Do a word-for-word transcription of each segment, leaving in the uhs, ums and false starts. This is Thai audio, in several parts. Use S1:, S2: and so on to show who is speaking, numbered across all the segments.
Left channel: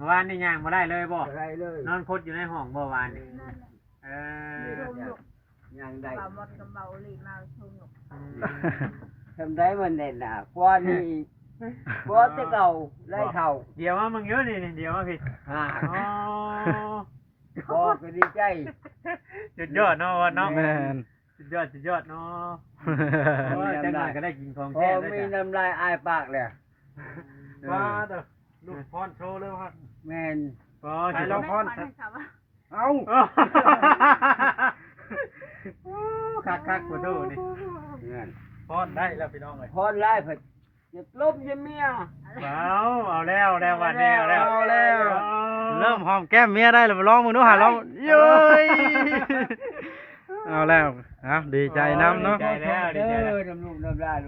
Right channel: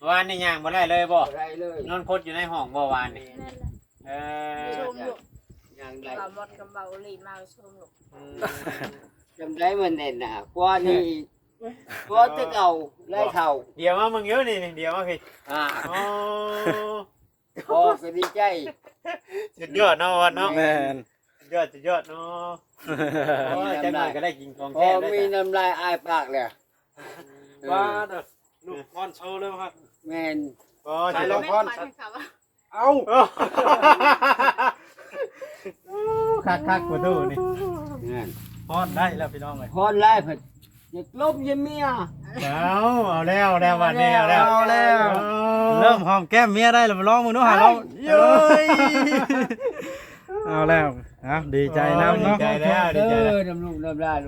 S1: วานนี่ย่างบ่ได้เลยบ่
S2: ได้เลย
S1: นอนคดอยู่ในห้องบ่วานนี่
S3: นั่นแหละ
S1: เออ
S3: ชมลูก
S2: ยังได้
S3: เบาหมดกับเบาหลีมาชมลูก
S1: อืม
S2: ทำได้มันเด่นอ่ะกว่านี่กว่าจะเก่าได้เท่า
S1: เดี๋ยวมามึงเยอะนี่เดี๋ยวมาพี่
S2: อ่า
S1: อ๋อ
S2: พอก็ดีใจ
S1: สุดยอดเนาะวันเนาะ
S4: แม่น
S1: สุดยอดสุดยอดเนาะโอ้ย
S2: มี
S1: จังห
S2: น้ำ
S1: น่อ
S2: ลาย ย
S1: ก็ได้กินของ
S2: พอ
S1: แท้ด้วย
S2: มี
S1: จ้ะ
S2: น้ำลายอายปากเลย
S4: ว่าเด้อลูกพรโชว์เลยครับ
S2: แม่น
S1: อ๋อ
S3: ใช่
S1: จะ
S3: แล้
S1: ล
S3: ว
S1: อง
S3: ไม่
S1: พ
S3: ค
S1: อ
S3: วัน นค่ะว่า
S4: เอ้า
S1: คักคักๆประตูนี่
S2: นั่น
S4: พรได้แล้วพี่น้องเอ้ย
S2: พรไล่เพิ่นอยากลบยังเมีย
S1: เอาเอาแล้วแล้ววันนี้เอาแล้ว
S4: เอาแล้ว เริ่มหอมแก้มเมียได้แล้วมาลองมึงดูหาลองเย้ยเอาแล้วนะดีใจแล้วเนาะ
S1: ดีใจแล้วดี
S2: เด้
S1: ใจแล้ว
S2: อน้ำลูกน้ำลาย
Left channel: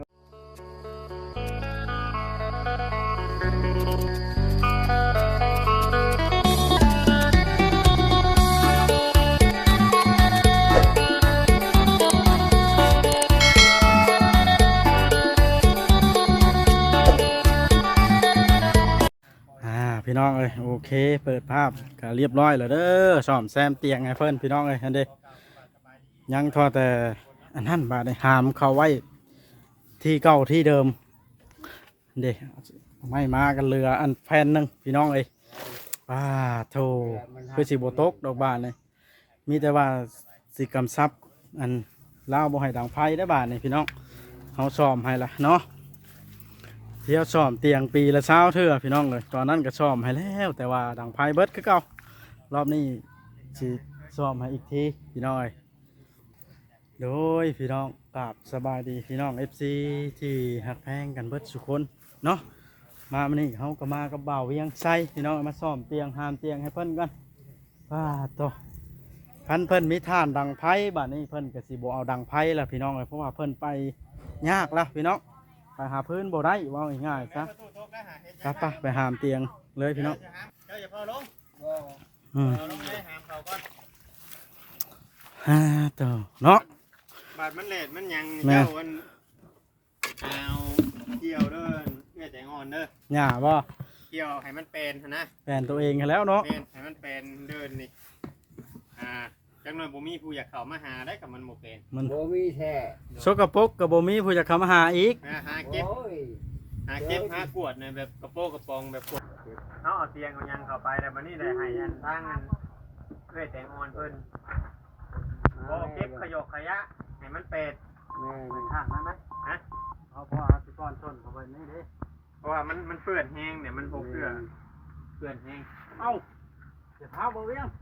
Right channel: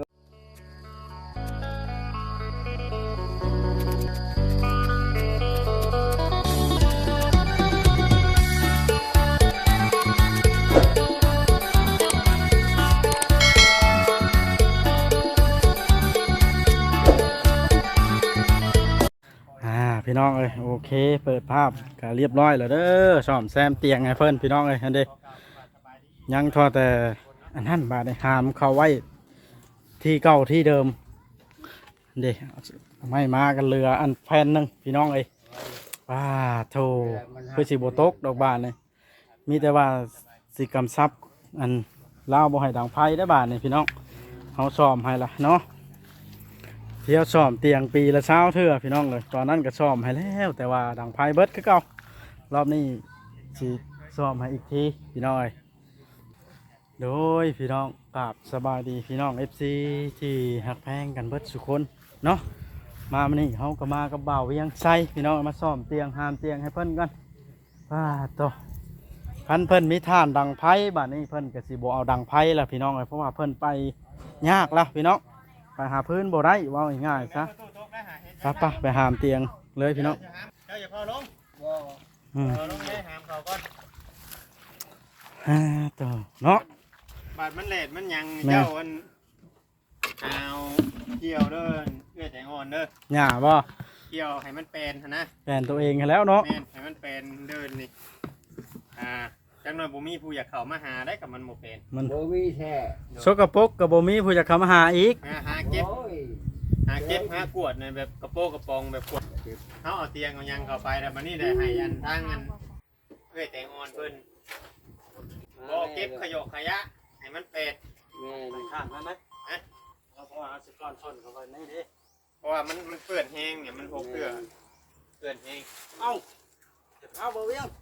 S4: อ่าพี่น้องเอ้ยโอเคเปิดภาพก็เรียบร้อยแล้วเด้อซ่อมแซมเตียงให้เพิ่นพี่น้องเอ้ยอันเด้ยังทอแต่อันนั้นบาดนี้หามเข้าไว้ที่เก่าที่เดิมเด้ไม่มากันเรืออันแผ่นหนึงพี่น้องเอ้ยว้าโธ่คือสิบ่ตกดอกบานนี่มีแต่ว่าสิกำซับอันลาวบ่ให้ดังไฟได้อบาดนี่พี่น้องเฮาซ่อมให้ละเนาะ เที่ยวซ่อมเตียงปีละเช้าเทื่อพี่น้องเลยตอนนั้นก็ซ่อมให้แล้วแต่ว่าดังไฟเบิดคือเก่ารอบนี้สิซ่อมให้อีกทีพี่น้องเอ้ยโดยพี่น้องกราบสบายดีพี่น้อง เอฟ ซี ที่หักแพงกันเบิดสุคนเนาะมามื้อนี้เฮาก็มากับบ่าวเวียงไซพี่น้องมาซ่อมเตียงหามเตียงให้เพิ่นกันว้าโตพันเพิ่นมีท่านดังไฟบัดนี้เพิ่นก็สิบ่เอาดังไฟแล้วพี่น้องเอ้ยเพราะว่าเพิ่นไปยากแล้วพี่น้องไปหาพื้นบ่ได้ว่าง่ายๆซะไปไปไปหามเตียงเลยพี่น้อง
S1: เจ้าอย่าพอลง
S2: บ่
S4: อืม
S1: พอลงเลยหามเขาก่อน
S4: อ่าตัวเนาะ
S1: บาดมันเลดมันหยัง
S4: แม่
S1: เจ้าอันเอาเกี่ยวเด้อเอื้อแต่งอนเด้อ
S4: หญ้าบ่
S1: เกี่ยวให้มันเป็นหั่นนะ
S4: แฟนตัวเองกันแล้วเนาะ
S1: แม่นให้มันเป็นเดินนี่อ่าจังหน่อยบ่มีผู้อยากเข้ามาหาได้กับมันบ่เป็น
S4: มัน
S2: บ่มีแท้
S4: สกปรกกับบ่มีผู้จะเข้ามาหาอีก
S1: มาหาเก็บ
S2: โอ้ย
S1: หาเก็บหากวดในแบบกระโปงกระปองแบบกวดเขาเอาเตียงเอาหยังเข้าไปแล้วมันนี่ได้ให้อันทางอันเอื้อยแต่งอนเพิ่นบ่เก็บขยะขยะให้มันเป็ด
S2: แม่น
S4: ข้างนั้นไหม
S1: ฮะ
S4: เอาพอสิก้อนชนเข้าไปนี่ดิ
S1: เพราะว่ามันมันเปื้อนแห้งเนี่ยมันพกเกลือเปื้อนแห้ง
S4: เอ้าเดี๋ยวพาบ่เวียง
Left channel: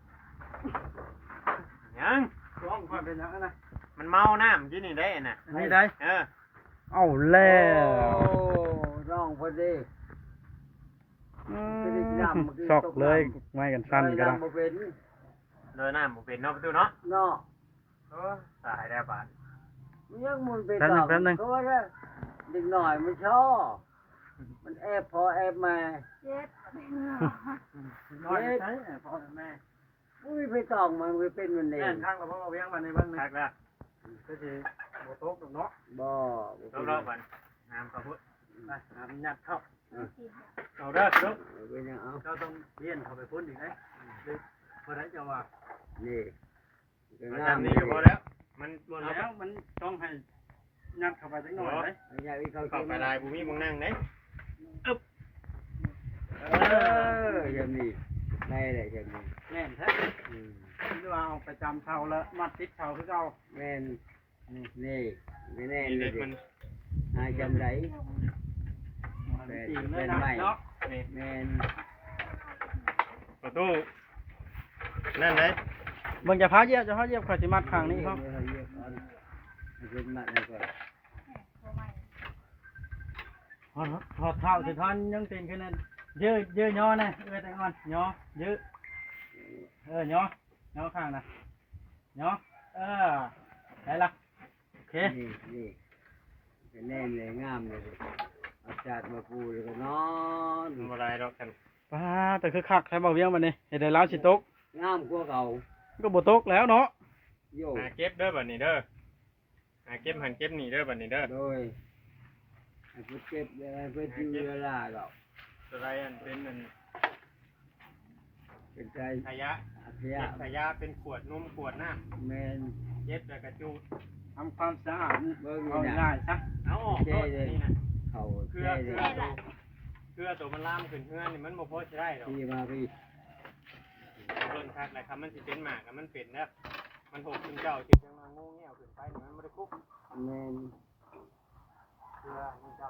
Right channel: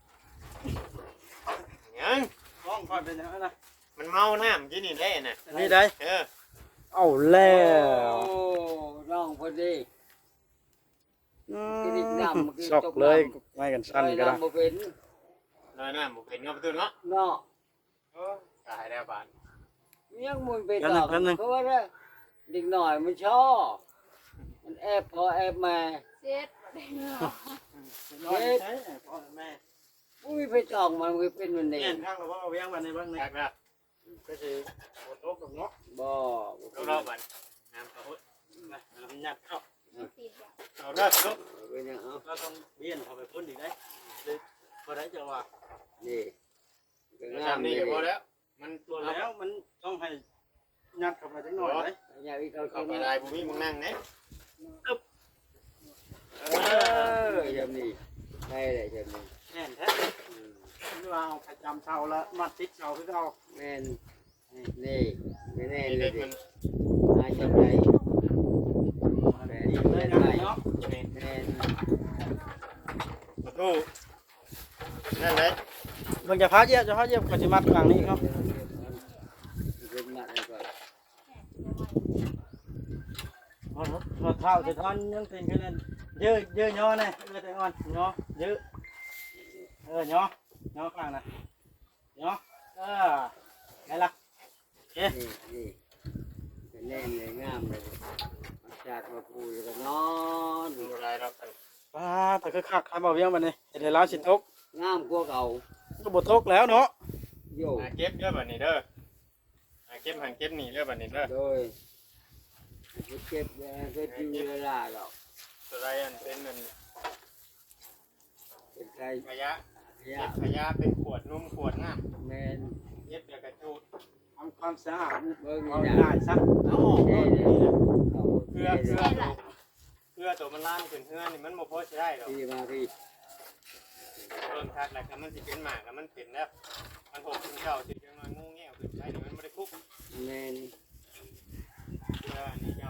S1: ยัง
S4: ร้องก่อนเป็นหยังนะ
S1: มันเมาน้ำกินนี่ได้น่ะ
S4: อันนี้ได้
S1: เออ
S4: เอาแล้ว
S2: โอ้ร้องพอดี
S4: อืม
S2: กระดิกดำกระดิก
S4: ชอก
S2: ตก
S4: เลย
S2: ดำ
S4: ไม่กันสั้น
S2: ลอย
S4: ก็ได้
S2: น้ำบ่เป็น
S1: เลยน้ำบ่เป็นเนาะประตูเนาะ
S2: เนาะ
S1: โอ้ยตายแล้วบาด
S2: ยังมันไปต่อก็ว่าได้เด็กหน่อยมันชอบ มันแอบพอแอบมา
S3: เจ็ดได้เนาะ
S4: น้อยใช่พ่อแม่
S2: อุ้ยไปตองมันก็เป็นมันเอ
S4: แน่
S2: ง
S4: นข้างเราพ่อเอาเวียงมาในบ้านนี่
S1: ทักละ
S4: ก็สิบ่ตกดอกเนาะ
S2: บ่บ่
S1: เอา
S2: เป็น
S1: เด้อบัดน้ำเขาพุ่น
S4: ไปหามันยัดเข้า
S3: ติดอ่ะ
S1: เอาเด้อลูก
S2: เป็นยังเอา
S4: เราต้องเบียนเข้าไปพุ่นอีกได้เลยพอได้จะว่า
S2: นี่ก็
S1: เอา
S2: งาม
S1: จำ
S2: นี่
S1: นี้ก็พอแล้วมัน
S4: รวมแล้วมันต้องให้ยัดเข้าไปจักหน่อยเลย
S2: อย่าไปเข้า
S1: เข้า
S2: เก็บ
S1: ไปลายบุมีมึงนั่งไหน
S2: เอออย่างนี้ได้เลยอย่างนี้
S4: แน่นแท้ที่ว่าเอาไปจำเสาแล้วมัดติดเสาคือเรา
S2: แม่นนี่ไม่แน่เล
S1: เด็
S2: ย
S1: ก
S2: ดิ
S1: มัน
S2: หาจำไร
S4: อีกเลยนะเนาะ
S1: นี่
S2: แม่น
S1: ประตูนั่นเลย
S4: เบิ่งจะพาเยียบจะพาเยียบกับสิมัดข้างนี้ครับ
S2: รุมนัดให้ก่อน
S4: พอพอเท้าจะทันยังตีนขึ้นนั่นยืดยืดย่อนะเอ้ยแต่งอนย่อยืดเออย่อย่อข้างนะย่อเออได้ละโอเค
S2: นี่นี่เป็นแน่นเลยงามเลยเอาจากมาปูเลยก็นอน
S1: มันอะไรหรอกกัน
S4: ป้าแต่คือคักใครบอกเวียงมันนี่เห็นได้แล้วสิตก
S2: งามกว่าเก่า
S4: ก็บ่ตกแล้วเนาะ
S2: โย
S1: หาเก็บเด้อบัดนี้เด้อหาเก็บหันเก็บนี่เด้อบัดนี้เด้อ
S2: โดยเพื่อเก็บเพื่อจิ้วเวลาเรา
S1: จะไรอันเป็นอัน
S2: ใส่
S1: ขยะ
S2: ข
S1: เก็
S2: ยะ
S1: บขยะเป็นขวดนมขวดน้
S2: แมน
S1: ำเย็บแล้วก็จูด
S4: ทำความสะอาด
S2: เบิ่ง
S4: เอา
S2: นี่
S4: ได้
S2: นะ
S4: ซะ
S1: เอาออกก่อนนี่นะ
S2: เขา
S1: เครือ
S2: เ
S1: เครือ
S3: ใช่แหละ
S1: เครือตัวมันล่ามขึ้นเฮือนนี่มันบ่พอใช้ได้หรอก
S2: ที่มาพี่
S1: เริ่มทักแล้วครับมันสิเป็นหมากแล้วมันเป็นแล้วมันหกคุณเจ้าสิจังมางูเงี้ยวขึ้นไปนี่มันบ่ได้คุก
S2: แมน
S1: เครือนี่เจ้า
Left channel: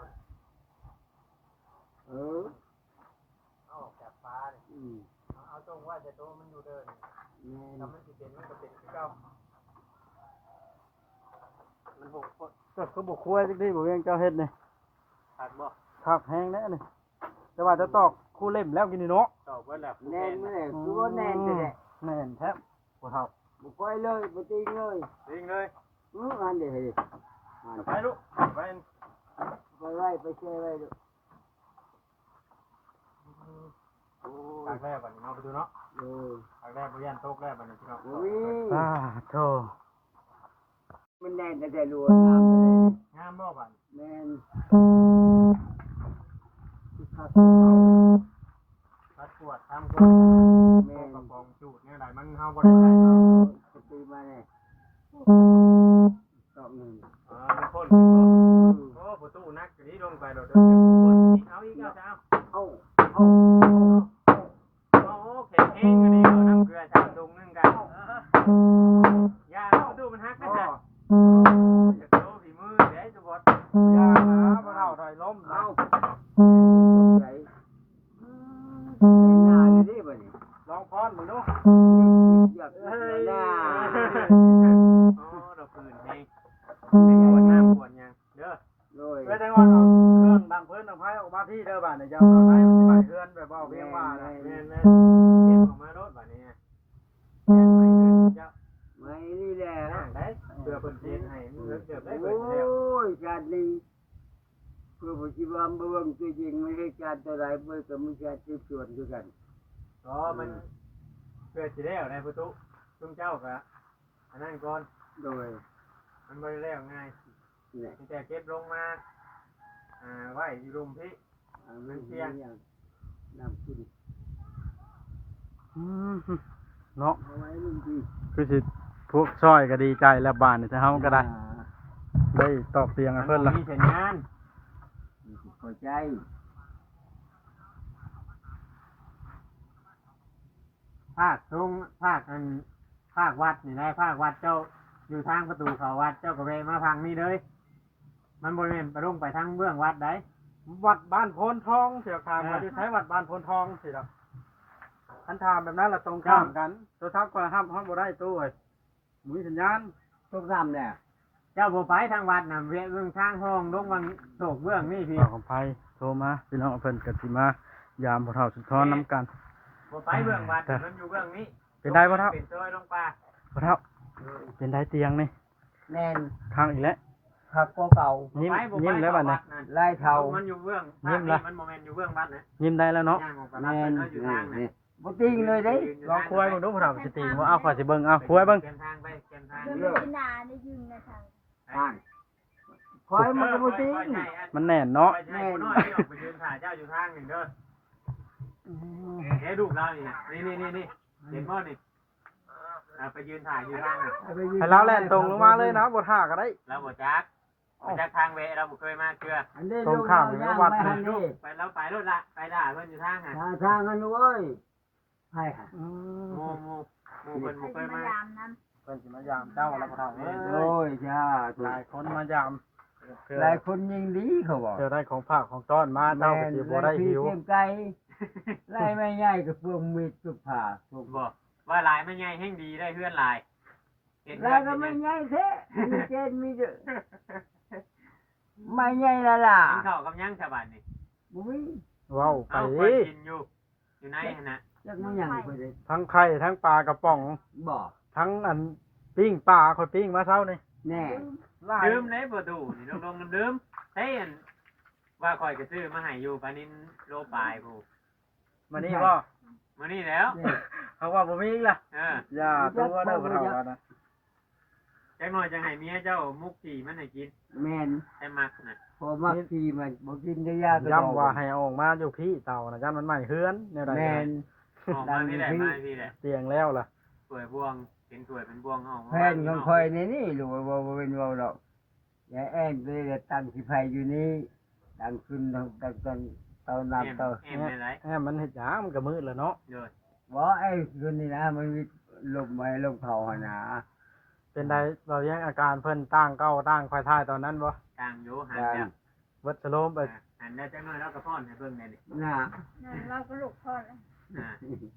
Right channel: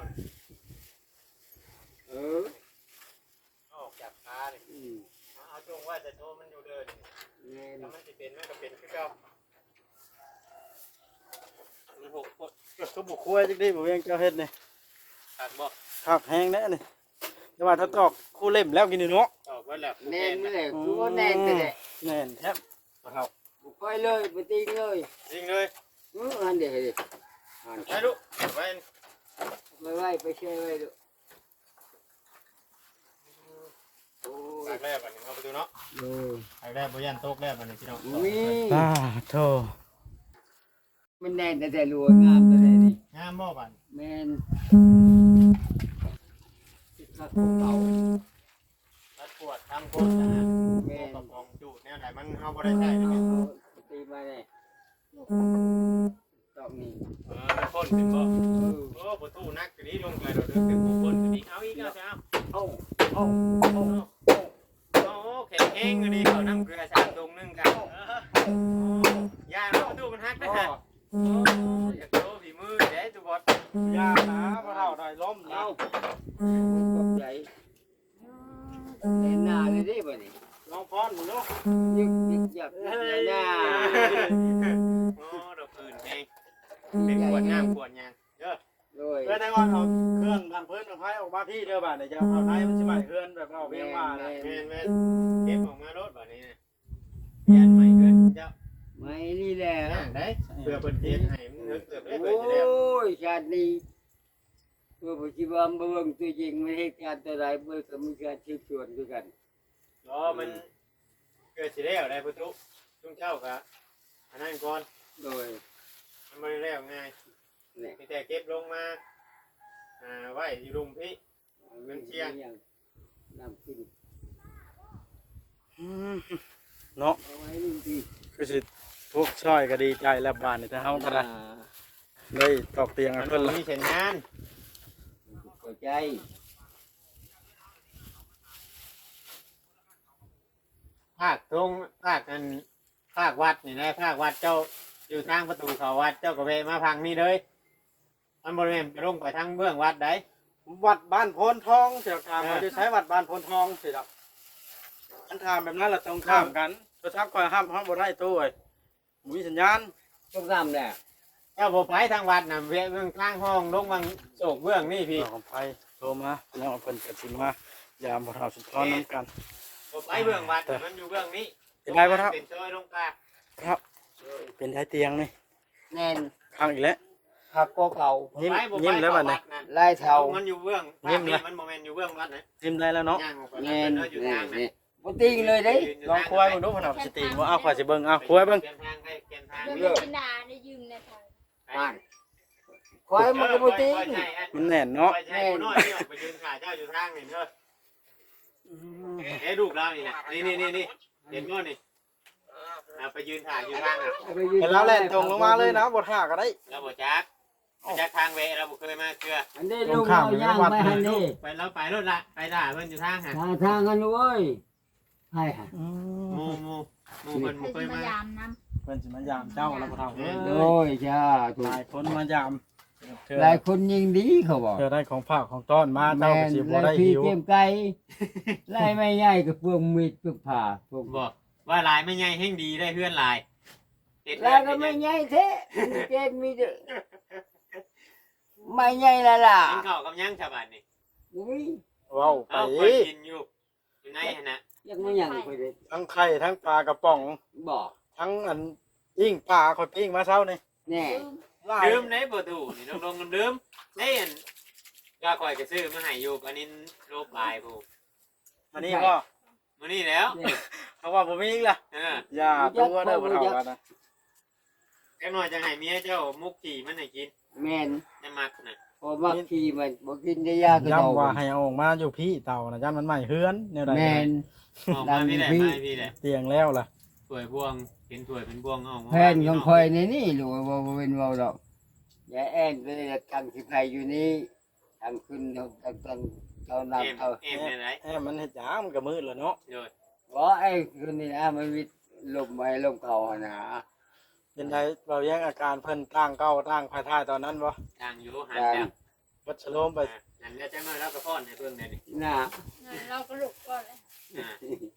S2: เออ
S1: เอาออกจากฟ้าเลย
S2: อืม
S1: เอาจงว่าแต่ตัวมันอยู่เดิน
S2: แมน
S1: ถ้ามันสิเป็นมันก็เป็นคือเก่ามันหกคน
S4: ก็คือบุกคุยจักดีบ่เวียงเจ้าเฮ็ดนี่
S1: ขาดบ่
S4: คักแฮงแน่นี่แต่ว่าจะตอกคู่เล่มแล้วกินนี่เนาะ
S1: ตอบว่าแล้ว
S2: แนนนี่แหละคือว่าแนนแต่แหละ
S4: แน่นแท้บ่เท่า
S2: บุกไปเลยไปตีงเลย
S1: ยิงเลย
S2: อืออันเดียวดิอัน
S1: ไปลูกไป
S2: ไปไว้ไปเช่ไว้ดูโอ้
S1: ตาย กแรกบัดนี้เอาไปดูเนาะ
S2: เออ
S1: ตากแรกบ่ยันโต๊ะแรกบัดนี้พี่น้อง
S2: อุ้ย
S4: อ่าโธ่
S2: มันแนนแต่แต่รัวงามแต่แต่นี่
S1: งามบ่บัด
S2: แมนที่เขาตัวเก่า
S1: รัดปวดทำปวดนะ
S2: แมน
S1: กระปองจูดแนวไหนมันเฮาบ่ได้ใช้เนาะ
S2: เขาตีมาเนี่ยตอกนี่
S1: เออมันพ่นเป็นบ่โอ้ประตูนักกะนี้ลงไปเราเดินกันพ่นกะนี้เอาอีกเอาซะเอา
S2: เอ้าเอ้า
S1: โอ้แข็งแห้งกะนี้เอาน้ำเกลือชามตรงนึงกันยาประตูมันหักนะ
S2: อ้อ
S1: ฮะอยากโตฝีมือเด้ตัวบอด
S4: อย่านะบ่เท่าได้ล้มนะ
S2: เอ้าตกใจเล่นหน้าเลยดิบ่นี่
S4: ลองพรมึงดู
S2: ยึกยึกยักยึกเลยหน้า
S1: โอ้ดอกอื่นแห้งเป็นขวดน้ำขวดยางเด้อ
S2: โดย
S4: เพื่อแต่ว่าเอาเครื่องดังพื้นเอาไผออกมาพี่เด้อบ้านนี่จะเอาไผมันสิไหม้เฮือนแบบว่าเอาเวียงว่านะ
S1: แม่นแม่นเก็บออกมารถบัดนี้นะยันไม่เกินเจ้า
S2: ไม่นี่แหละ
S1: ย่างได้เพื่อเพิ่นเฮ็ดให้มันเกิดเกิดได้
S2: โอ
S1: เพิ่นจะได้
S2: ้ยชาตินี้เพื่อปัจจุบันเบื้องตัวจริงไม่ให้การตัวใดเบื้องกับมีการสืบสวนด้วยกัน
S1: ก็มันเพื่อสิแล้วได้ประตูซุ่มเจ้าก็อันนั้นก่อน
S2: โดย
S1: มันบ่ได้แล้วง่าย
S2: เนี่ย
S1: มีแต่เก็บลงมาอ่าไว้อยู่รุมพี่
S2: มันเชียงน้ำขึ้น
S4: อืมเนาะ
S2: เอาไว้นี่ดี
S4: คือสิพวกซอยก็ดีใจแล้วบ้านนี่แต่เฮาก็ได้เลยตอกเตียงให้
S1: มัน
S4: เพิ่น
S1: บ่
S4: ละ
S1: มีเส้นงาน
S2: เข้าใจ
S1: ภาคตรงภาคอันภาควัดนี่นะภาควัดเจ้าอยู่ทางประตูเขาวัดเจ้าก็แวะมาพังนี่เลย มันบริเวณไปลงไปทางเบื้องวัดได้
S4: วัดบ้านโพนทองเสียทาง
S1: เออ
S4: มาจะใช้วัดบ้านโพนทองสิครับอันทามแบบนั้นละตรงข้ามกันโทรศัพท์ก็ห้ามห้ามบ่ได้ตู้เอ้ยบ่มีสัญญาณ
S2: ต้องทำเนี่ย
S1: เจ้าบ่ไปทางวัดน่ะแวะเบื้องทางห้องลงวังโศกเบื้องนี่พี่
S4: ของไผโทรมาพี่น้องเพิ่นก็สิมายามบ่เฒ่าสุดทอนนํกัน
S1: บ่ไปเบื้องวัดมันอยู่เบื้องนี้
S4: เป็นได้บ่เท่า
S1: เป็นซอยลงป่า
S4: บ่เฒ่าเป็นได้เตียงนี่
S2: แน่น
S4: ข้างอีกแล้ว
S2: ผักก็เก่า
S4: ยิ้ม
S1: บ่ไปบ่ไป
S4: ยิ้มแล้วบัดนี้
S1: เข้านั่น
S2: ลายเทา
S1: มันอยู่เบื้อง
S4: ยิ้มละ
S1: มันโมเมนต์อยู่เบื้องวัดนะ
S4: ยิ้มได้แล้วเนาะ
S1: ย่างออกไป
S2: แน่
S1: รับ
S2: น
S1: เพิ่นเนาะอยู่
S2: แน่
S1: ทาง
S2: น
S1: นะ
S2: นี่บ่ติ้งเลยเด้
S4: ลองคุยเบิ่งดูพ่อเฒ่าสิตีบ่เอาขอยสิเบิ่งเอาคุยเบิ่ง
S1: เปลี่ยนทางไปเปลี่ยนทาง
S3: เดี๋ยวมันกินนาได้ยืมในทาง
S2: อ่านคอยมันก็บ่ติ้ง
S1: คอยใช่อั
S4: มันแน่นเนาะ
S1: คอยใช่ผู้น้อยที่ออกไปยืนถ่ายเจ้าอยู่ทางนี่เด้อเฮ้ดูกแล้วนี่นะนี่นี่นี่นี่เห็นมั้ยนี่เอาไปยืนถ่ายอยู่ทางอ่ะ
S4: ให้เราแล่นตรงลงมาเลยนะบ่ท่าก็ได้
S1: เราบ่จักบ่จักทางเวเราบ่เคยมาเกลือ
S2: อันนี้
S4: ตรงข้าม
S2: ลูก
S4: อยู่
S2: เอ
S4: ในวัด
S2: ย่างไปอันนี้
S1: ไปแล้วไปรถละไปด่าเพิ่นอยู่ทางฮะ
S2: ทางทางกันเว้ยให้ฮะ
S1: โมโมโมเพิ่น
S3: ใคร
S1: บ่เค
S3: จะ
S1: ย
S3: มา
S1: มา
S3: ยามน้
S4: เพิ่นสิมายามเจ้าแล้วพ่อเฒ่าเอ้ย
S2: โอ้ยจ้าถู
S4: ห
S2: ก
S4: ลายคนมายามเธอ
S2: หลายคนยิงดีเขาบอก
S4: เธอได้ของฝากของต้อนมาเจ้าก็สิบ่ได้
S2: พี่
S4: หิว
S2: เตรียมไก่ไล่ไม่ใหญ่กับเปลืองมีดปึกผ่าพวก
S1: บอกว่าลายไม่ใหญ่แห่งดีได้เพื่อนลายเห็น
S2: แล้วก็ไม่ใหญ่แท้มีเจนมีเด้อไม่ใหญ่ละล่ะ
S1: กินข้าวกับยังชาวบ้านนี่
S2: บุ้ย
S4: เว้าไป
S1: เอาเพิ่นกินอยู่อยู่ในหั่นน่ะ
S2: ยักไม่ยังไปเลย
S4: ทั้งไข่ทั้งปลากระป๋อง
S2: บอก
S4: ทั้งอันปิ้งปลาข่อยปิ้งมาเช้านี่
S2: แน่
S3: ำ
S4: หลาย
S1: ลืมในบ่ดูนี่ลงๆลืมใช่อันว่าข่อยจะซื้อมาให้อยู่พานินโลปลายผู้
S4: มานี่บ่
S1: มื้อนี้แล้ว
S2: เนี่ย
S4: เขาว่าบ่มีอีกล่ะ
S1: เออ
S4: อย่าตัวเด้อพ่อเฒ่ากันนะ
S1: แค่น้อยจะให้เมียเจ้ามุกกี่มันให้กิน
S2: แมน
S1: ให้มักน่ะ
S2: พอมักขี่มันบอกกินได้ยากก็
S4: ย้ำว่าให้เอาออกมาอยู่พี่เต่านะจันมันใหม่เฮือนแนวใด
S2: แมน
S1: ออกมาพี่แหละมาพี่แหละ
S4: เตียงแล้วล่ะ
S1: ถ้วยบวงเห็นถ้วยเป็นบวงออกมา
S2: แผ่นของคอยในนี่หรือว่าบ่เป็นเว้าดอกอย่าแอ้งไปเลยตั้งสิไผอยู่นี่ตั้งขึ้นตั้งตอนเตา
S1: เอ็ม
S2: น้ำเตา
S1: เอ็มในไหน
S4: แอมมันเฮ็ดหยังมันก็มืดแล้วเนาะ
S1: โดย
S2: บ่ไอ้คืนนี้นะมันมีลมไว้ลมเข้าหั่นน่ะ
S4: เป็นไดเบาแยงอาการเพิ่นตั้งเก้าตั้งควายท้ายตอนนั้นบ่
S1: ทางอยู่หันแล้ว
S4: วัดชโลมไป
S1: หันแล้วจังน้อยแล้วก็ป้อนให้เบิ่งได้นี่
S2: น่ะ
S3: นั่นเราก็ลูกพ่อแล้ว
S1: อ่า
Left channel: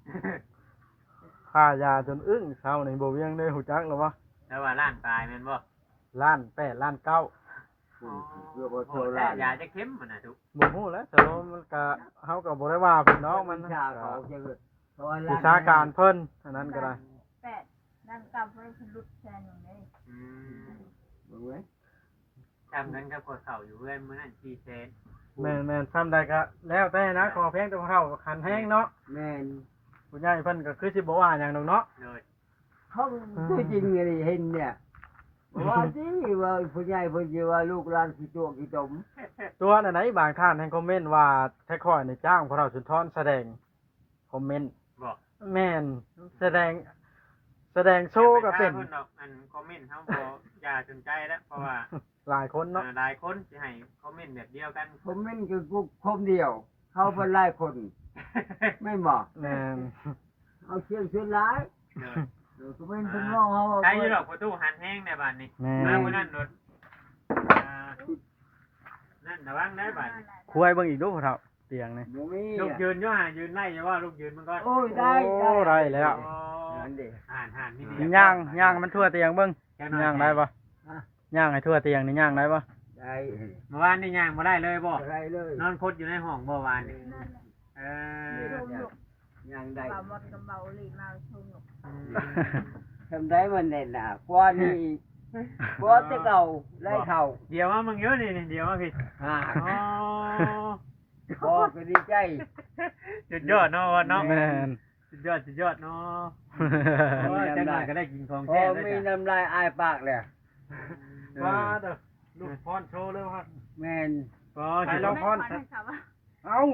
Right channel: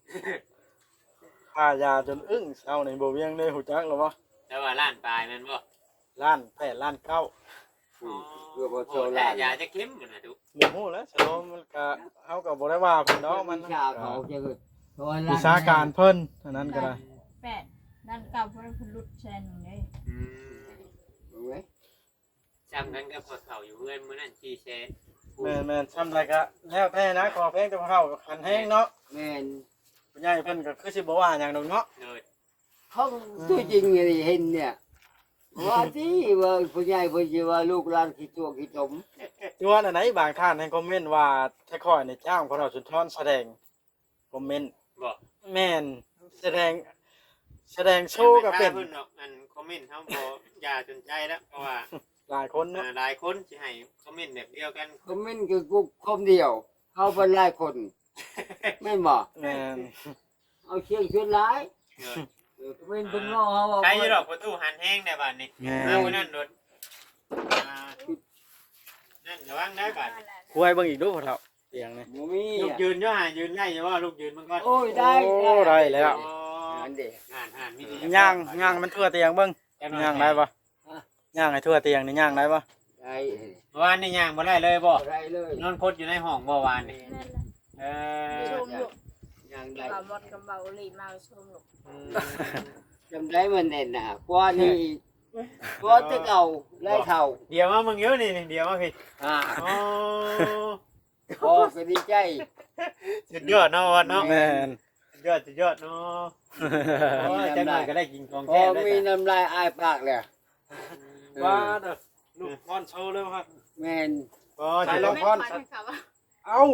S4: ค่ายาจนอึ้งเช้านี่บ่เวียงได้ฮู้จักแล้ววะ
S1: แต่ว่าล้านปลายแม่นบ่
S4: ล้านแปดล้านเก้า
S2: เพื่อบ่โซ
S1: โอ้
S2: ลา
S1: แต่ยาจะเข้มมันน่ะทุก
S4: บ่ฮู้แล้วชโลมมันก็เฮาก็บ่ได้ว่าเพิ่นเนาะมัน
S2: วิชาเขาจะคือเพราะว่า
S4: วิชาการเพิ่นเท่านั้นก็ได้
S3: แปดด้านเก่าเพราะเพนลุดแชนอย่างนี้
S1: อืม
S2: เบิ่งไว้
S1: จำกันกับพอเข้าอยู่เพื่อนมื้อนั้นชีเชน
S4: แม่นแม่นซ้ำใดก็แล้วแต่นะขอเพลงแต่เข้าขันแห้งเนาะ
S2: แม่น
S4: ผู้ใหญ่เพิ่นก็คือสิบ่ว่าหยังดอกเนาะ
S1: เลย
S2: เขาตัวจริงนี่เห็นเนี่ยว่าที่ว่าผู้ใหญ่เพิ่นสิว่าลูกหลานขี้ตัวขี้ตม
S4: ตัวอันไหนบางท่านให้คอมเมนต์ว่าแท้ค่อยในจ้างพวกเราสุนทรแสดงคอมเมนต์
S1: บอก
S4: แม่นแสดงแสดงโชว์ก็เป็น
S1: พิ่นดอกอันคอมเมนต์เฮาบ่อย่าจนใจแล้วเพราะว่า
S4: หลายคนเนาะ
S1: อ่าหลายคนสิให้คอมเมนต์แบบเดียวกัน
S2: คอมเมนต์คือกูคนเดียวเขาเป็นหลายคนไม่นบ่
S4: แม่น
S2: เอาเชียงชวนหลาย
S1: เด้อ
S2: เออคอมเมนต์เพิ่นเว้าเฮาว่า
S1: ใครอยู่ดอกประตูหันแห้งได้บาดนี้
S4: แม่
S1: มาน มื้อนั้นโดดอ่านั่นระวังได้บาดนี้
S4: คุยเบิ่งอีกดูพ่อเฒ่าเตียงนี่
S2: บ่มี
S1: ลูกยืนอยู่ห่ายืนไล่อยู่ว่าลูกยืนมันก็
S2: โอ้ยได้
S4: โอ้ได้แล้ว
S1: โอ้
S2: นั่นเด้
S1: ห่านห่านมี
S4: ย่างย่างมันทั่วเตียงเบิ่ง
S1: แค่น้อย
S4: ย่างได้บ่ย่างให้ทั่วเตียงนี่ย่างได้บ่
S2: ได้
S1: เมื่อวานนี่ย่างบ่ได้เลยบ่
S2: บ่ได้เลย
S1: นอนคดอยู่ในห้องเมื่อวานนี่
S3: นั่นแหละ
S1: เอ
S3: ช
S1: อ
S3: มลูก
S2: ยังได้
S3: เบาหมดกับเบาหลีมาชมลูก
S1: อืม
S2: ทำได้มันแน่นหนากว่านี่กว่าแต่เก่าไล่เท่า
S1: เดี๋ยวมามึงเยอะนี่เดี๋ยวมาพี่
S2: อ่า
S1: อ๋อ
S2: พอก็ดีใจ
S1: สุดยอดเนาะวันเนาะ
S4: แม่น
S1: สุดยอดสุดยอดเนาะ
S2: มี
S1: โอ้ยจัง
S2: น้ำ
S1: หน่
S2: ลา
S1: อย
S2: ย
S1: ก็ได้กินของ
S2: พอ
S1: แท้ได้
S2: มี
S1: จ้ะ
S2: น้ำลายอายปากแล้ว
S4: ว่าเด้อลูกพรโชว์เลยว่า
S2: แม่น
S1: อ๋อ
S3: ใช่
S1: ใช่
S3: แล้
S1: แล้ว ว
S3: พ่อให้เขาว่า
S4: เอ้า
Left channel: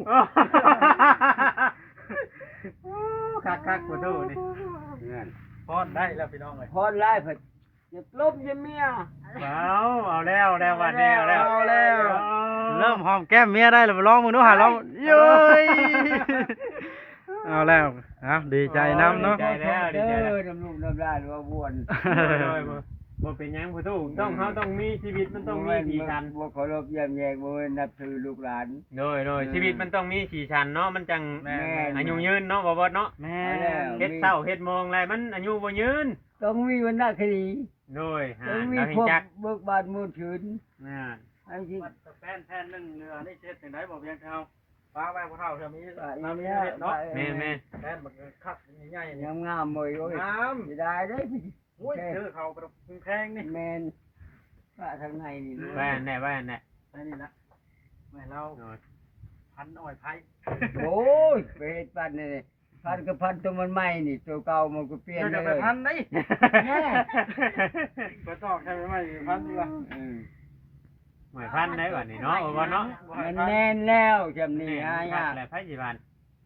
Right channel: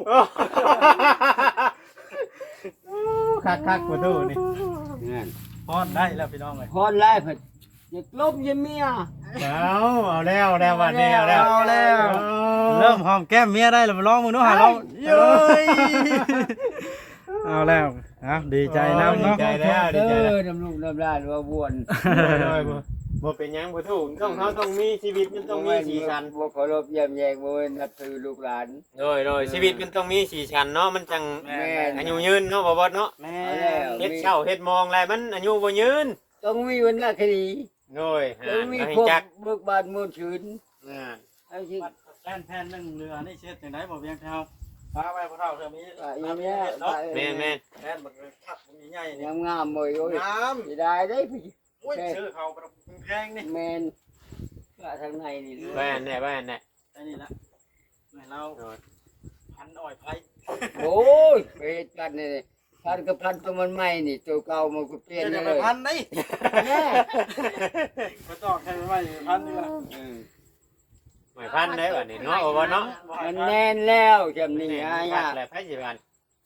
S1: คักคักประตูนี่
S2: นั่น
S4: พรได้แล้วพี่น้องเอ้ย
S2: พอไล่เพิ่นอยากลบอยาเมีย
S1: เอาเอาแล้วเอาแล้ววันนี้เอาแล้ว
S4: เอาแล้ว เริ่มหอมแก้มเมียได้แล้วลองมึงดูหาลองเย้ยเอาแล้วเอาดีใจแล้วเนาะ
S1: ดีใจแล้วดีใจ
S2: เด้
S1: แล้ว
S2: อน้ำลูกน้ำลายว่าบวน
S1: บ่เป็นหยังประตูต้องเขาต้องมีชีวิตมันต้องมีสีสัน
S2: บ่เคารพเยี่ยมแยงบ่เว้นนับถือลูกหลาน
S1: โดยโดยชีวิตมันต้องมีสีสันเนาะมันจัง
S4: แม่
S1: อายุยืนเนาะบ่บ่เนาะ
S4: แม่
S1: เฮ็ดเศร้าเฮ็ดมองอะไรมันอายุบ่ยืน
S2: ต้องมีวันหน้าคดี
S1: โดยหา
S2: ต้องมี
S1: เอาให้
S2: พวก
S1: จัก
S2: เบิกบานมูลชื่น
S1: อ่า
S2: ไอ้ที่
S4: วัดกับแป้นแผ่นหนึงเรือนี่เช็ดจังได๋บ่เพียงเท่าฟ้าไว้พวกเราเธอมี
S2: ว่าอ
S4: น้ำ
S2: ย่าง
S4: เมี
S2: เนี้
S4: ย
S2: ย
S4: เนาะ
S1: แม่แม่
S4: แป้นบักคักใหญ่ๆนี่
S2: งามงามๆเลยโอ้ย
S4: น้
S2: สิได้ได้พี่
S4: ำโอ้ยชื่อเขาแพงนี่
S2: แมนว่าทางในนี่เลย
S1: แว่นแน่แว่นแน่
S4: ไอ้นี่ละแม่เรา
S1: โดย
S4: พันอ้อยไผ่
S2: โอ้ยไปเฮ็ดปันนี่พันกับพันตัวมันใหม่นี่ตัวเก่ามันก็เปลี่ยน
S4: จะ
S2: เล
S4: ไป
S2: ย
S4: พันได้
S2: แน่
S4: ก็ตอกใครไม่ไม่พันดีกว่า
S2: อืม
S1: หมายพันได้บ่นี่เนาะโอ้บ่เนาะ
S2: มันแน่นแล้วจำนี่ฮะ
S1: ยาย
S2: าก
S1: แหละไผสิบัน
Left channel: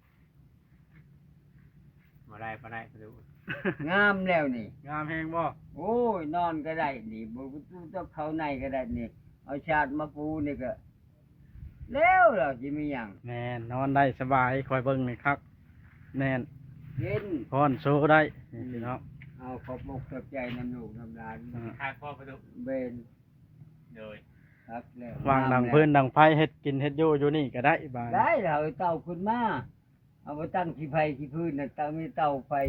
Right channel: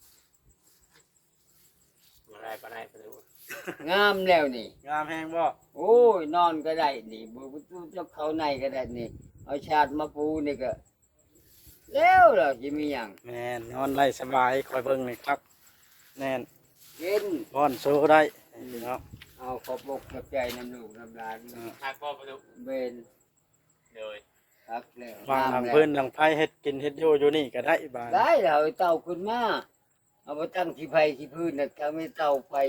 S1: บ่ได้บ่ได้ประตู
S2: งามแล้วนี่
S4: งามแพงบ่
S2: โอ้ยนอนก็ได้นี่บ่ต้องเข้าในก็ได้นี่ เอาชาติมาปูนี่ก็แล้วล่ะสิมีหยัง
S4: แม่นนอนได้สบายคอยเบิ่งนี่ครับ แน่น
S2: เย็น
S4: พรโซได้พี่น้อง
S2: เอาขอบอกขอบใจน้ำลูกน้ำหลาน
S1: คักบ่ประตู
S2: เบน
S1: โดย
S2: ครับแล้ว
S4: วางดัง
S2: แล้ว
S4: พื้นดังไฟเฮ็ดกินเฮ็ดอยู่อยู่นี่ก็ได้บาด
S2: ได้แล้วเอาเตาขึ้นมาเอาไปตั้งที่ไฟที่พื้นน่ะตั้งไม่เตาไฟ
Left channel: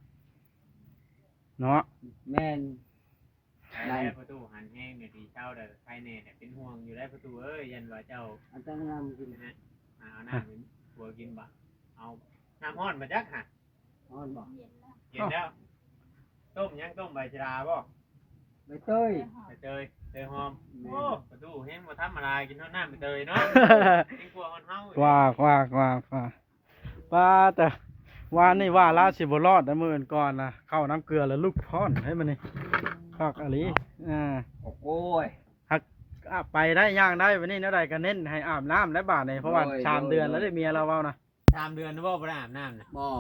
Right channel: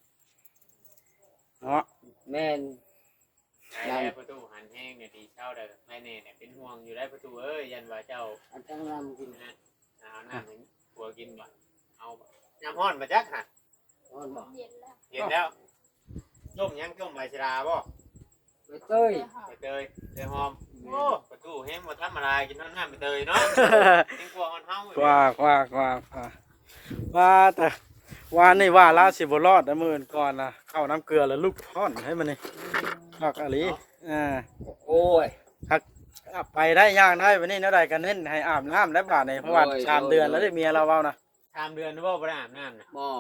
S4: เนาะ
S2: แม่น
S1: ใช้ได้ประตูหันแห้งเนี่ยดีเช้าได้ภายในเนี่ยเป็นห่วงอยู่ได้ประตูเอ้ยยันว่าเจ้า
S2: อันตั้งน้ำกิน
S1: นะเอาน้ำให้ผัวกินบ่เอาบ่น้ำร้อนมาจักฮะ
S2: อ่อนบอก
S3: เย็นแล้ว
S1: เห็นแล้วต้มยังต้มใบชราบ่
S2: ไปเต้ย
S1: ใบเตยเตยหอมโอ้ประตูแห้งบ่ทำอะไรกินเท่าน้ำใบเตยเนาะกินกว่าอ่อนเฮาก
S4: ว่ากว่ากว่ากว่าว่าแต่ว่านี่ว่าลาสิบ่รอดนะมื้ออื่นก่อนนะเข้าน้ำเกลือแล้วลูกพรให้มันนี่คักอะลีอ่า
S2: โอ้ย
S4: อ่ะไปได้ย่างได้วันนี้เนาะใดก็เน้นให้อาบน้ำและบาดนี่เพราะว่า
S2: โอ้ย
S4: สาม
S2: โอ้ย
S4: เดือนแล้ว
S2: โอ้ย
S4: ได้เมียเราเว้านะ
S1: สามเดือนนะบ่บ่ได้อาบน้ำน่ะ
S2: บ่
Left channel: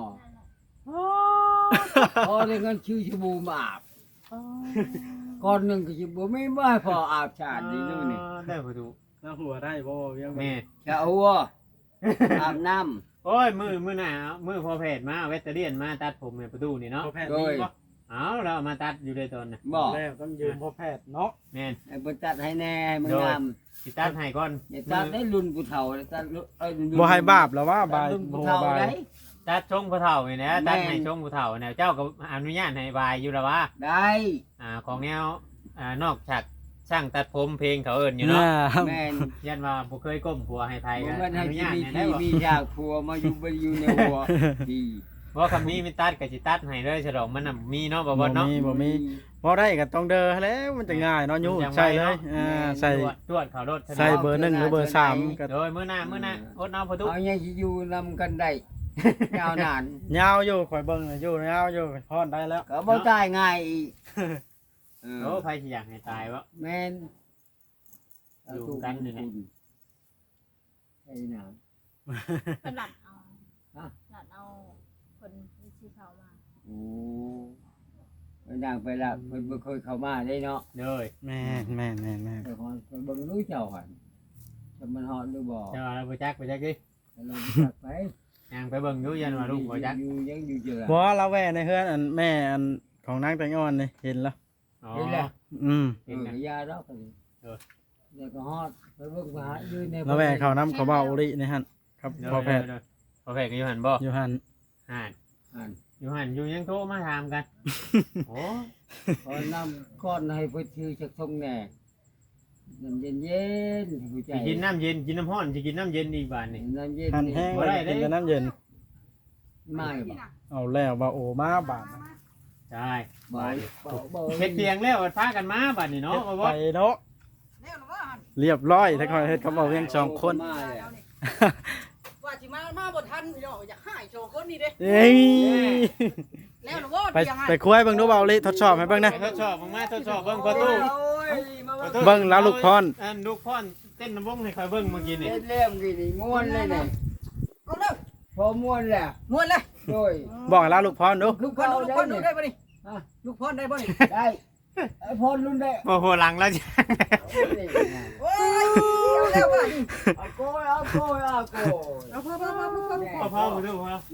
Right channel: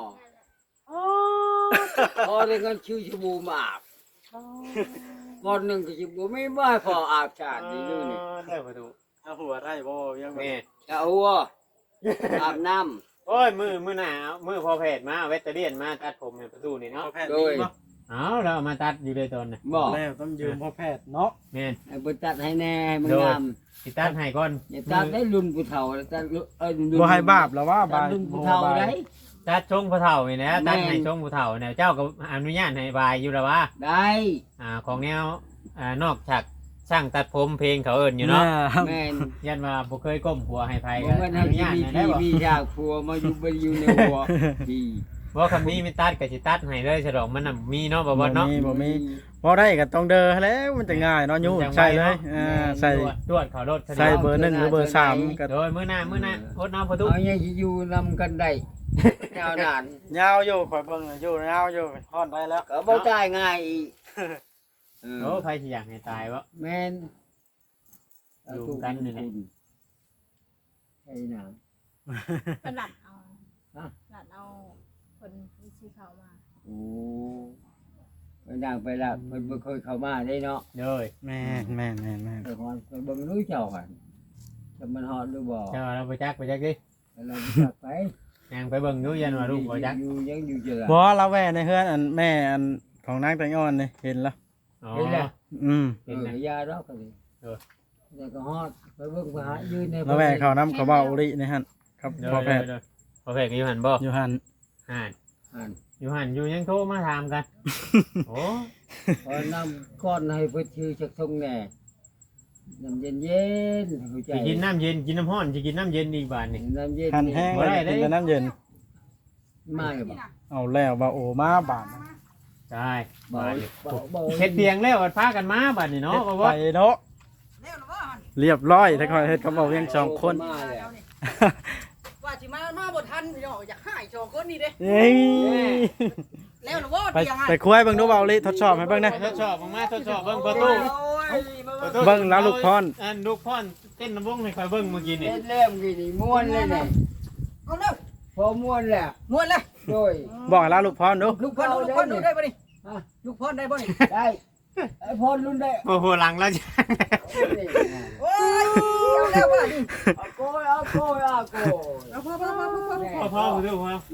S2: พอได้เงินชื่อชบูมาอาบก่อนหนึงก็สิบ่มีบ่ให้พออาบชาตินี่นู่นนี่
S1: อ๋อได้ประตู
S4: เอาหัวได้บ่เวียง
S1: แม่
S2: ชะหัวอาบน้ำ
S1: โอ้ยมือมือหน้ามือพอแพทย์มาเวทเทอเรียนมาตัดผมในประตูนี่เนาะ
S4: พ่อแพทย์
S2: โดย
S4: นี่บ่
S1: เอาเราเอามาตัดอยู่เลยตอนน่ะ
S2: บ่
S4: แล้วต้องยืมพ่อแพทย์เนาะ
S1: แม่น
S2: ให้เพิ่นตัดให้แน่ให้มันงาม
S1: สิตัดให้ก่อน
S2: อย่าตัดได้รุ่นผู้เฒ่าตัดรุ่นเอ้ยรุ่น
S4: บ่ให้บาปแล้วว่า
S2: ตั
S4: บา
S2: ด
S4: ย
S2: รุ่นผู้เฒ่าได้
S1: ตัดชงผู้เฒ่านี่นะตัดให้
S2: แม่น
S1: ชงผู้เฒ่าเนี่ยเจ้าก็อนุญาตให้บายอยู่แล้วว่า
S2: ได้
S1: อ่าของแนวอ่านอกจากช่างตัดผมเพลงเขาเอิ้นอยู่เนาะ
S2: แม่น
S1: ยันว่าบ่เคยก้มหัวให้ไผ
S2: บ่
S1: ก็
S2: แม่น
S1: อ
S2: ให้
S1: นุ
S2: ที่
S1: ญาต
S2: มี
S1: ให้ได้
S2: ที่
S1: บ่
S2: มีฉากผัวมาอยู่บ่อยู่ในหัวดี
S1: ว่าคำนี้มีตัดก็สิตัดให้เลยฉลองมันน่ะมีเนาะบ่บ่เนาะ
S4: มีบ่มีบ่ได้ก็ต้องเด้อแล้วมันจะง่ายเนาะยูใช่เลยอ่าใส่
S1: ตรวจตรวจเขารถ
S4: ใส่เบอร์หนึ่งหรือเบอร์สามก็
S1: โดยมื้อหน้ามื้อหน้าอดน้ำพอทุก
S2: เอายังสิอยู่นำกันได้ยาวนาน
S4: ยาวอยู่ข่อยเบิ่งน่ะอยู่ยาวอยู่พอนได้แล้ว
S2: ก็บ่ตายง่ายอีกเออ
S1: โอ้ใครสิอยากให้ตายวะ
S2: แม่น
S1: อยู่กันนี่แหละ
S2: ไอ้หนาว
S3: ก็หลัดเอา
S2: ฮะ
S3: หลัดเอาคนที่ชื่อเขามา
S2: โอ้ไปนั่งไปละเพิ่นบ่เคยเข้ามาได้เนาะ
S1: โดย
S4: แม่นแม่นแม่นแม่น
S2: ไปฮอดไปเบิ่งรู้เจ้าหั่นจะมันฮอดหรือบ่
S1: เจ้าว่าเราไปจักไปจักดิ
S2: เราจักไป
S1: ย่างไปเบิ่งอยู่ยันว่าลูกบ่จัก
S2: อยู่ยังอยู่เจอ
S4: บ่เราแว่ในเฮือนอันแม่อันของนางแตงอ่อนนี่เห็นแล้ว
S1: อ๋อ
S2: เห็นแล้ว
S4: อืม
S2: เออยาดอกก็ดี
S1: เออ
S2: แต่ก็ฮอดไปเบิ่งไปหายืนใน
S4: เราแว่เขาน้ำเขาเบาอุรินี่ฮะครับ
S1: โดย
S4: พ่อแพทย์
S1: โดยพอแพทย์ก็อยู่หันบ่
S4: อยู่หัน
S1: หัน
S2: หัน
S1: อยู่หันอยู่ยังโทรมาถามกันโอ้
S2: พอนำก้อนให้เพิ่นชื่อจักทงแหน่น้ำเย็นๆหัวใจ
S1: สิกินน้ำเย็นกินน้ำร้อนสิกินน้ำเย็นอีกบาดนี่
S2: น้ำเย็น
S4: หันแห้ง
S1: บ่
S4: เลย
S1: ได้
S4: กินแต่น้ำเย็น
S2: มาเลยบ่
S4: เอาแล้วว่าโอมาบาดนะ
S1: ใช่
S2: บ่
S1: บาดนี่
S2: บ่บ่
S1: เฮ็ดเตียงแล้วพากันมาบาดนี่เนาะ
S4: เฮ็ด
S1: บ่
S4: ไป
S1: ว่า
S4: เนาะเรียบร้อยถ้าคอยเฮ็ดกับเอาเพียงสองคน
S2: มาเลย
S5: ว่าสิมามาบ่ทันพี่น้องอยากหายโชว์คนนี้เด้
S4: เอ้ย
S5: แล้วหรือว่า
S4: ไป
S5: เตียงให้
S4: ไปคุยเบิ่งดูเบาอุริทดสอบให้เบิ่งนะ
S1: ทดสอบมึงมาทดสอบเบิ่งประตู
S4: เบิ่งแล้วลูกพร
S1: อันลูกพรเต้นน้ำวงให้คอยเบิ่งเมื่อกี้นี่
S2: เล่นเล่มกี่นี่ม่วนเลยเนี่ย
S5: ก็แล้ว
S2: พอม่วนแล้ว
S5: นวดแล้ว
S2: โดย
S4: บอกแล้วลูกพรดู
S5: ลูกพ่อลูกพ่อดูได้บ่นี่
S2: ฮะ
S5: ลูกพ่อได้บ่นี่
S2: ได้ไอ้พรรุ่นได้
S1: โอ้โหหลังแล้วจ้ะ
S5: โอ้ยเอาแล้วว่านี่
S2: เอาโกยเอาโกยเอาโกย
S5: เอาพ่อพ่อพ่อพ่อ
S1: พ่อพ่อมาดูพ่อ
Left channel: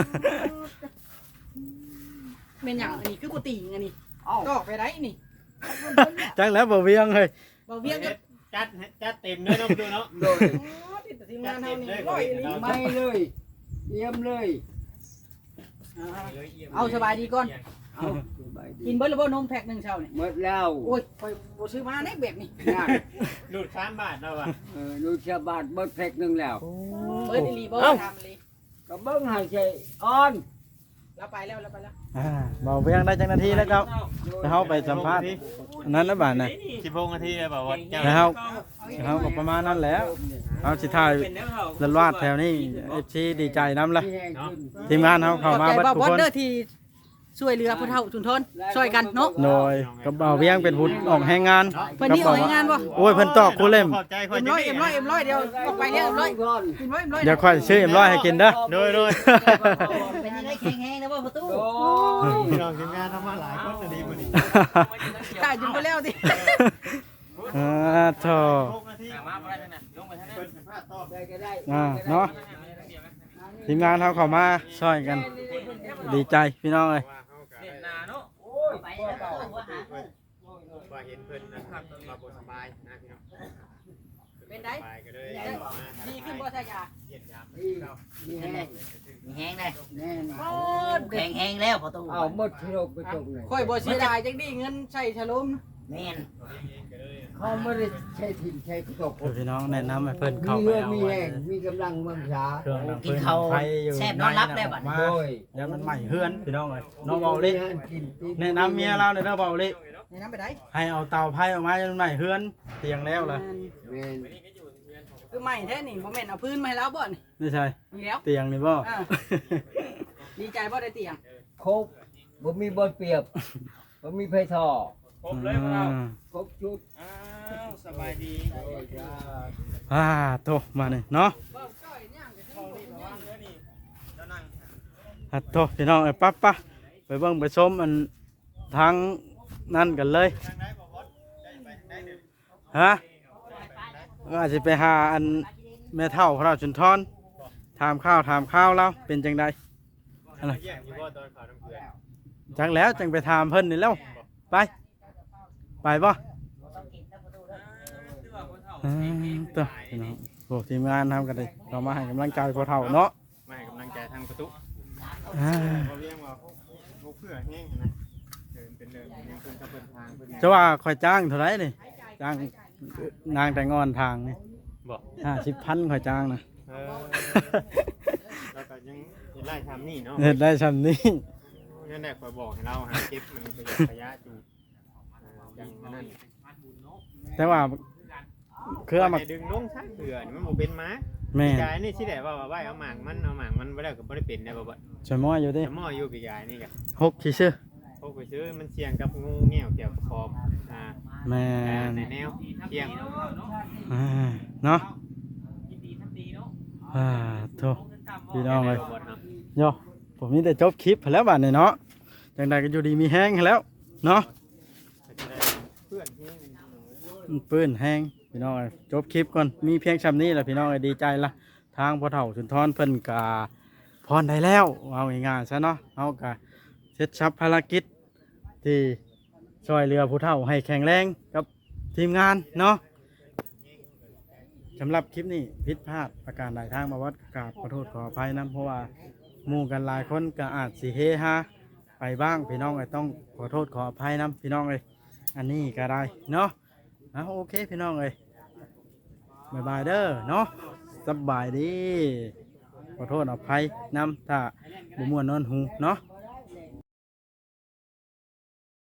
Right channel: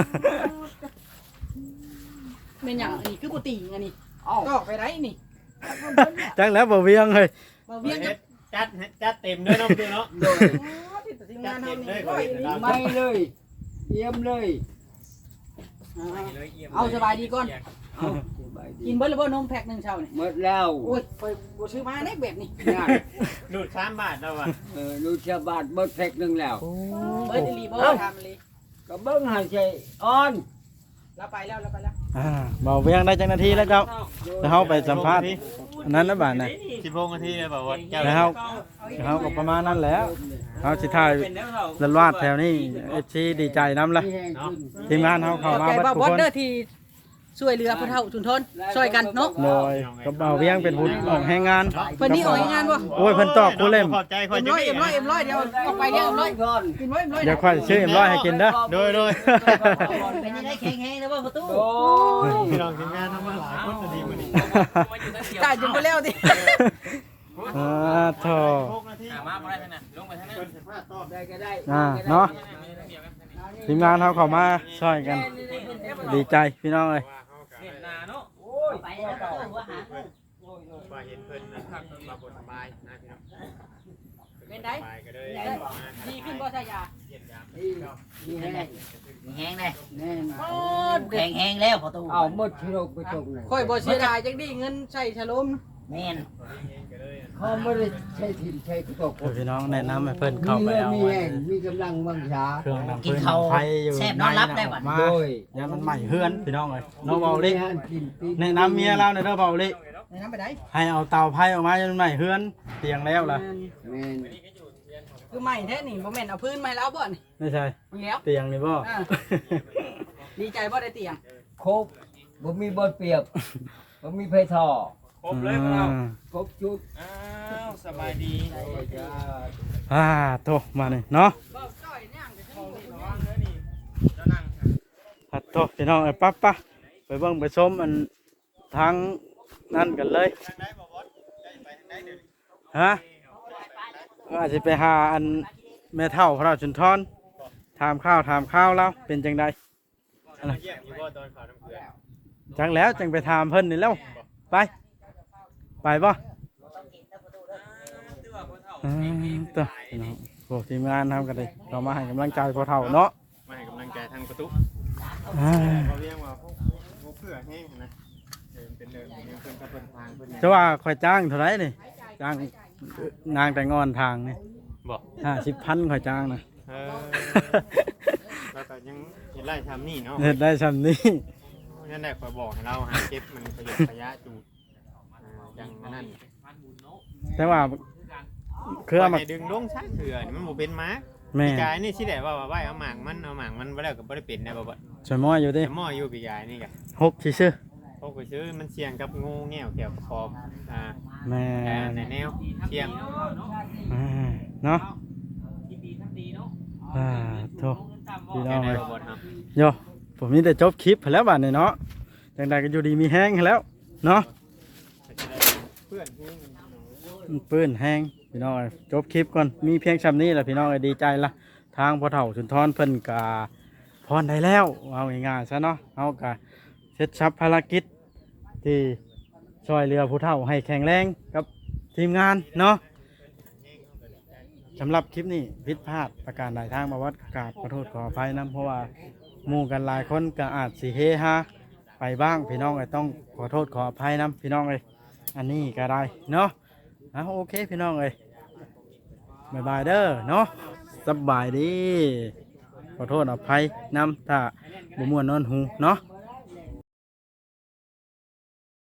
S5: เป็นหยังอันนี้คือบ่ติงอันนี้
S2: เอา
S5: ก็ไปได้นี่
S4: จังแล้วบ่เวียงเฮ้ย
S5: บ่เวียงจะ
S1: จัดจัดเต็มเนื้อน้องเดียวเนาะ
S2: โดย
S5: ติดทีมงานเฮานี่ร้อยนี่
S2: ไม่เลยเยี่ยมเลย
S5: เอาสบายดีก่อน
S2: เอาสบายดี
S5: กินเบิดแล้วบ่นมแพ็คนึงเช้านี่
S2: หมดแล้ว
S5: โอ้ยไปบ่ซื้อมาได้แบบนี้
S2: นั่น
S1: ดูดสามบาทแล้วว่ะ
S2: เออดูชาวบ้านเบิดแพ็กหนึงแล้ว
S5: เบิดอีหลีบ่ทำเลย
S2: ก็เบิ่งให้ใจอ่อน
S5: เราไปแล้วเราไปแล้ว
S4: อ่าเบาเวียงได้จังนาทีแล้วเจ้าจะเฮาไปสัมภาษณ์อันนั้นนะบาดน่ะ
S1: สิบหกนาทีเลยบอกว่าเจ้า
S4: แล้วเฮาเฮาก็ประมาณนั้นแหล้วเฮาสิถ่ายลันวาดแถวนี้ เอฟ ซี ดีใจนํล่ะ
S2: มีแห้งขึ้น
S4: ทีมงานเฮาเข้ามา
S5: ใจ
S4: เบัด
S5: บ่
S4: ทุก
S5: บ่
S4: คน
S5: เด้อที่ช่วยเหลือผู้เฒ่าชุมชนช่วยกันเนาะ
S4: โดยกับเบาเวียงเป็นผู้ออกให้งาน
S5: เพิ่นนี่เอาให้งานบ่
S4: โอ้ยเพิ่นตอกผู้เล่ม
S1: ขอบใจคอย
S5: เอ็ม
S1: จะ
S5: ร้อย
S1: นี่
S5: เอ็มร้อยเอ็มร้อยเดียวเอาไปเรียกเอ็มร้อย
S2: ก่อน
S5: กินไว้เอ็มร้อย
S4: เดี๋ยวค่อยซื้อเอ็มร้อยให้กินเด้อ
S1: โดยโดย
S5: เป็นยังไงแข็งแรงนะว่าประตู
S2: โอ้ย
S1: พี่น้องทีมงานทำมาหลายคนอันนี้มื้อนี้
S5: จ่ายจนไปแล้วดิ
S4: อ่าโธ่
S1: หกนาทีมาบ่ได้ท่านน่ะลงไปท่านน่ะ
S2: ได้ก็ได้
S4: อ่าเนาะทีมงานเฮาเข้ามาช่วยกัน ดีใจพี่น้องเอ้ย
S2: โอ้ย
S5: ไปแล้วก็ว่าหา
S1: ว่าเห็นเพิ่นนะครับมาบ่สบายนะพี่น้อง
S5: เป็นได
S1: สบายก็เลย
S5: ดีขึ้นบ่ใช่ยา
S1: เยี่ยมยาม
S2: นี่นี่แห้ง
S6: มีแห้งเลย
S2: แน่น
S5: โอ้
S6: แข็งแห้งแล้วพอตู้
S2: เอาหมดที่เราไปตรงไหน
S5: ค่อยบ่เสียดายจังดีเงินใช้ฉลม
S6: แม่น
S2: เขาไม่ได้ใช้ถิ่นใช้ตก
S4: เดี๋ยวพี่น้องแนะนำให้เพิ่นเข้าไปเอา
S2: มี
S4: ไว้
S2: แรงมีกำลังวังชา
S4: เครื่องดังปืนดังไฟอยู่ในน่ะออกมา
S2: โดย
S4: อย่ามันใหม่เฮือนพี่น้องเอ้ยน้องเบาเล็ก
S2: มีงานกินปี
S4: แนะนำเมียเราในเด้อเบาเล็ก
S5: ในน้ำไปได้
S4: ให้เอาเตาไผ่ออกมาอย่ามันใหม่เฮือนเตียงแล้วล่ะ
S2: แม่น
S5: คือไม่แท้นี่บ่แม่นเอาพื้นมาแล้วบ่นี่
S4: ไม่ใช่
S5: มีแล้ว
S4: เตียงนี่บ่
S5: อ่า ดีใจบ่ได้เตียง
S2: ครบบ่มีบอลเปรียบบ่มีไผท่อ
S1: ครบเลยพวกเรา
S4: อ่า
S2: ครบชุด
S1: อ้าวสบายดี
S4: อ่าโตมานี่เนาะ
S5: บ่จ้อยย่าง
S1: ของนี่ระวังเด้อนี่
S4: ฮัตโตพี่น้องไอ้ปั๊บปะไปเบิ่งไปชมอันทางนั่นกันเลยฮะอาจจะไปหาอันแม่เฒ่าพระราชุนทรถามข้าวถามข้าวแล้วเป็นจังใด
S1: มาเยี่ยมอยู่บ่ตอนข่าวน้ำเกลือ
S4: จังแล้วจังไปถามเพิ่นนี่แล้วไปไปบ่อืมตัวพี่น้องพวกทีมงานทำกันเลยเรามาให้กำลังใจพอเฒ่าเนาะ
S1: มาให้กำลังใจทางประตู
S4: อ่า
S1: เขาเรียกว่าพวกพวกเพื่อแห้งนะเดินเป็นเดินเป็นเพิ่นกับเพิ่นทางเพิ่น
S4: จะว่าคอยจ้างเท่าไหรนี่จ้างนางแต่งอนทางนี่
S1: บอก
S4: ห้าสิบพันคอยจ้างนะ
S1: เออแล้วก็ยังเห็นไล่ทำนี่เนาะ
S4: เห็ดได้ชำนี้
S1: นั่นแหละคอยบอกให้เราหาเก็บมันประโยชน์ระยะจูอย่างนั้น
S4: แต่ว่าเครือมา
S1: ดึงลงช้างเถื่อนมันบ่เป็นม้า
S4: แม่
S1: ปีกายนี่สิได้ว่าว่าไว้เอาหมางมันเอาหมางมันบ่ได้ก็บ่ได้เป็นได้บ่บ่
S4: สมอยอยู่ดิ
S1: แต่หม้ออยู่ปีกายนี่ก็
S4: หกที่ชื่อ
S1: พวกไปซื้อมันเสี่ยงกับงูแง่วเกี่ยวกับคออ่า
S4: แม่
S1: ในแนวเสี่ยง
S4: อ่าเนาะอ่าโทษพี่น้องเลยโยผมนี่แต่จบคลิปไปแล้วบ้านนี่เนาะจังใดก็อยู่ดีมีแห้งแล้วเนาะ
S1: เพื่อนแห้ง
S4: ปื้นแห้งพี่น้องเอ้ยจบคลิปก่อนมีเพียงชำนี้แหละพี่น้องเอ้ยดีใจละทางพ่อเฒ่าสุนทรเพิ่นกาพรได้แล้วเอาง่ายๆซะเนาะเอากะเสร็จสับภารกิจที่ช่วยเรือผู้เฒ่าให้แข็งแรงกับทีมงานเนาะสำหรับคลิปนี้ผิดพลาดประการใดทางมาวัดกราบขอโทษขออภัยนะเพราะว่าหมู่กันหลายคนก็อาจสิเฮฮาไปบ้างพี่น้องเอ้ยต้องขอโทษขออภัยนะพี่น้องเอ้ยอันนี้ก็ได้เนาะ อ่ะโอเคพี่น้องเอ้ยบายบายเด้อเนาะสบายดีขอโทษอภัยนำถ้าบ่ม่วนนอนหูเนาะ